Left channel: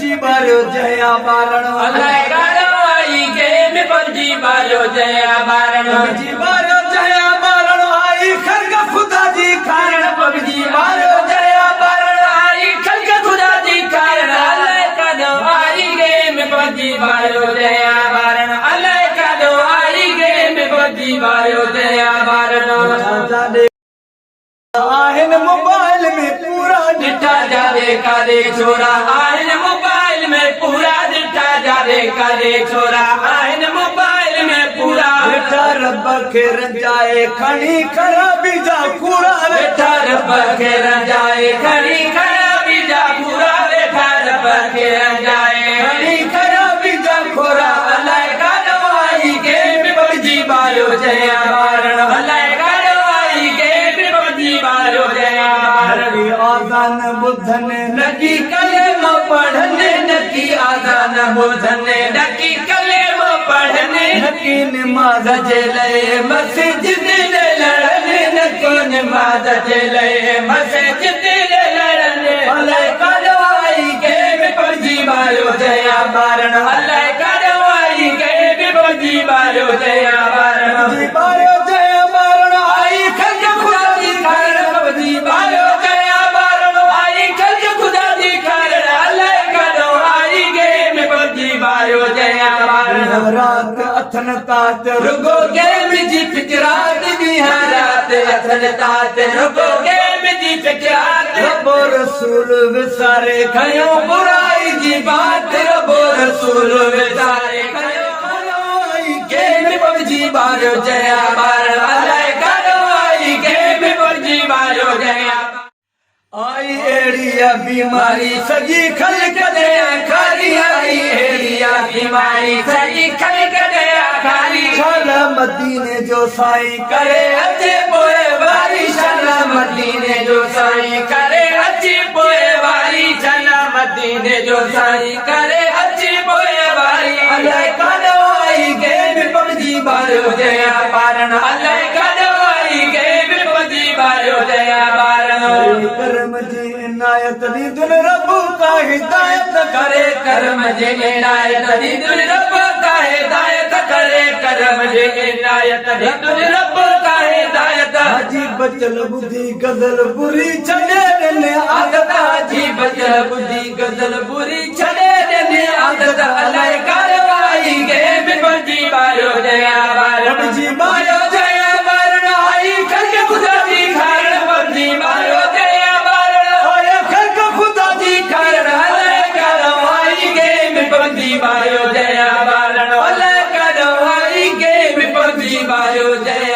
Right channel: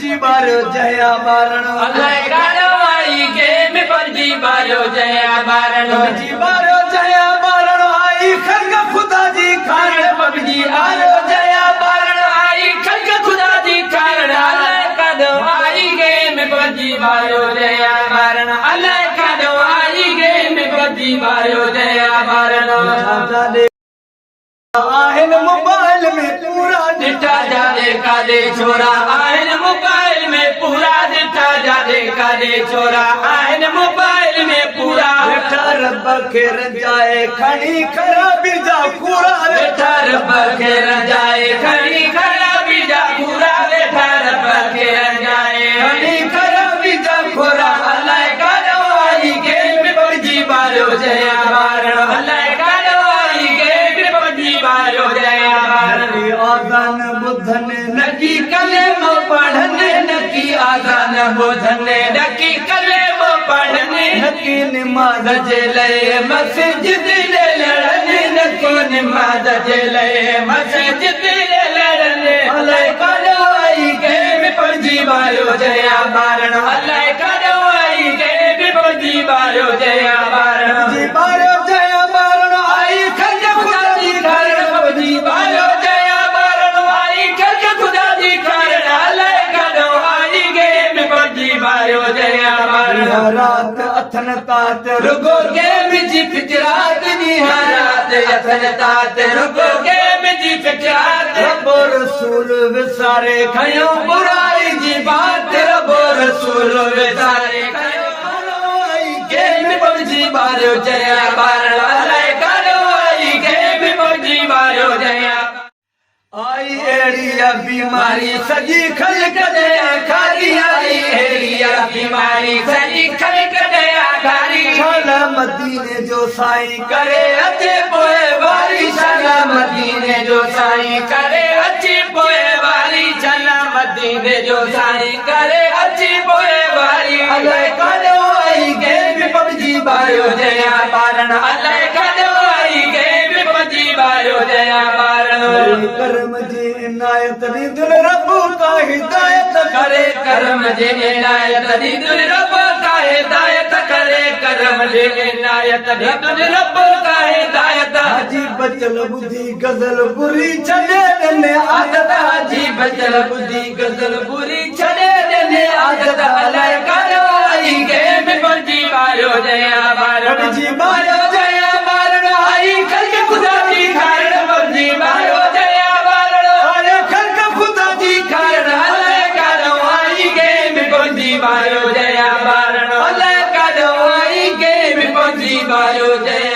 पंजी बारो जया बारण अल्लाह कारवाई के में पंजी बारो जया बारण पंजी बारो जया बारण आई खरग खुदा जी खान पंजी बारो जया बारण आई खरग खुदा जी खान अल्लाह कारवाई के में पंजी बारो जया बारण अल्लाह कारवाई के में पंजी बारो जया बारण आहिन मोबाइल में पूरा डिठा जादे कादे छोरा आहिन मोबाइल में पूरा डिठा जादे कादे छोरा आहिन मोबाइल में पूरा बेटा रब के रजाए खड़ी खराबी जा पूरा बेटा रब के रजाए खड़ी खराबी जा पूरा बेटा रब के रजाए खड़ी खराबी जा खोरा अल्लाह कारवाई के पंजी बारो जया बारण अल्लाह कारवाई के पंजी बारो जया बारण आदान बुधन नकी कलेमो पढ़ने नकी आदान बुधने नकी कलेमो पढ़ने नकी नमाज जे ले मस्जिद ले लड़ने नकी नमाज जे ले मस्जिद ले लड़ने अल्लाह कारवाई के पंजी बारो जया बारण अल्लाह कारवाई के पंजी बारो जया बारण पंजी बारो जया बारण आई खंड खुदा दी कारण पंजी बारो जया बारण आई खंड खुदा दी कारण अल्लाह कारवाई के पंजी बारो जया बारण रात अथन तात रुको के बिजी फितरात दी रात अथन तात रुको के बिजी फितरात रब्बो रसूल विसारे खयो बुराई जी बात रब्बो रसूल विसारे खयो कारवाई के पंजी बारो जया बारण अल्लाह कारवाई के पंजी बारो जया आई एड़िया बीमारी सजी खलक दे खाली आई एड़िया बीमारी सजी खलक दे खाली शाला मदीने जो साईं करे अच्छे पोए वारी शाला मदीने जो साईं करे अच्छी पोए वारी शाला मदीने जो साईं करे अच्छी पोए वारी अल्लाह कारवाई के पंजी बारो जया बारण अल्लाह कारवाई के पंजी बारो जया बारण करम जी इनायत दी दिल रब का हिदायत करे करम जी इनायत दी दिल रब का हिदायत करे करम जी इनायत दी रब का हिदायत हाजी बचल बुद्धि गजल बुरी छड़े देने आदत हाजी बचल बुद्धि गजल बुरी छड़े देने आदत अल्लाह कारवाई के पंजी बारो जया बारण पंजी बारो जया बारण आई खर्च खुदा की खारण पंजी बारो जया बारण आए खरक खुदा जी खारण अल्लाह कारवाई के पंजी बारो जया बारण अल्लाह कारवाई के पंजी बारो जया